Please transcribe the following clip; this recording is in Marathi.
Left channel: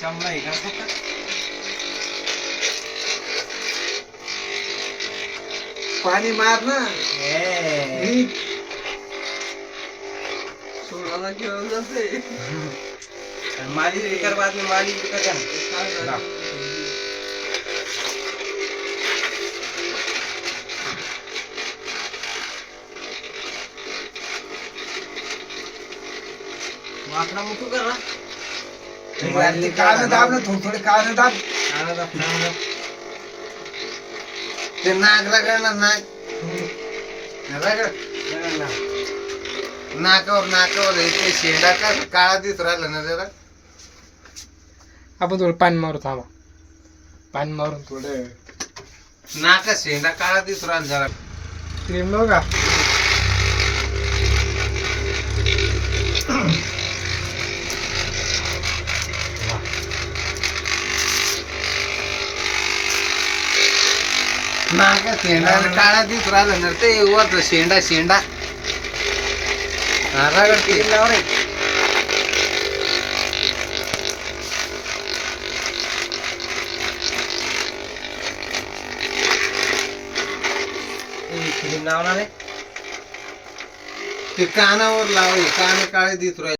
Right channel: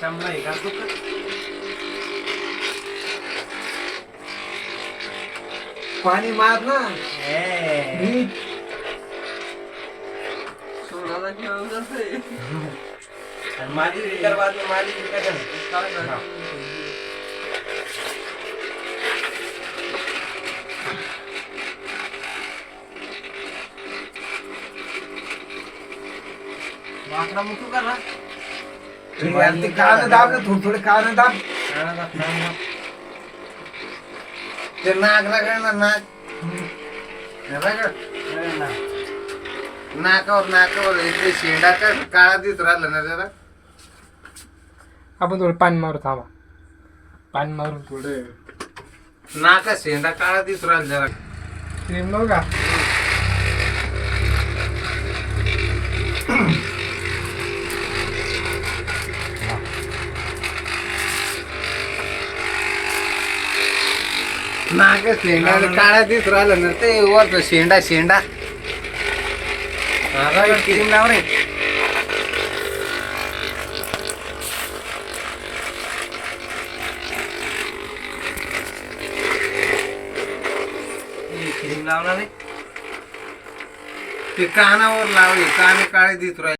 चांगला आहे का पाणी मार ना सोनाला घेऊनच आहे. मालिश भी कर बाद में मालिश भी कर माखना मुतू कर ना यार ते कान दाब ना थोडे थोडे कान दाब खाना का खाना ते नाक रगड ना नाक रगड ना नाकावर इथे शेंडा का काळा दिसत राहिला ना जरा आपण थोडं पाणी मारू थांबा पाणी मारून थोडं नाका शेंडा काळा दिसत राहिला जरा क्रीम लावू का नाका शेंडा काळा दिसत राहिला ना ते वरचा शेंडा रगड़ क्रीम लाव रे क्रीम लावला रे ते कानावर लावले काने काळे दिसत राहिले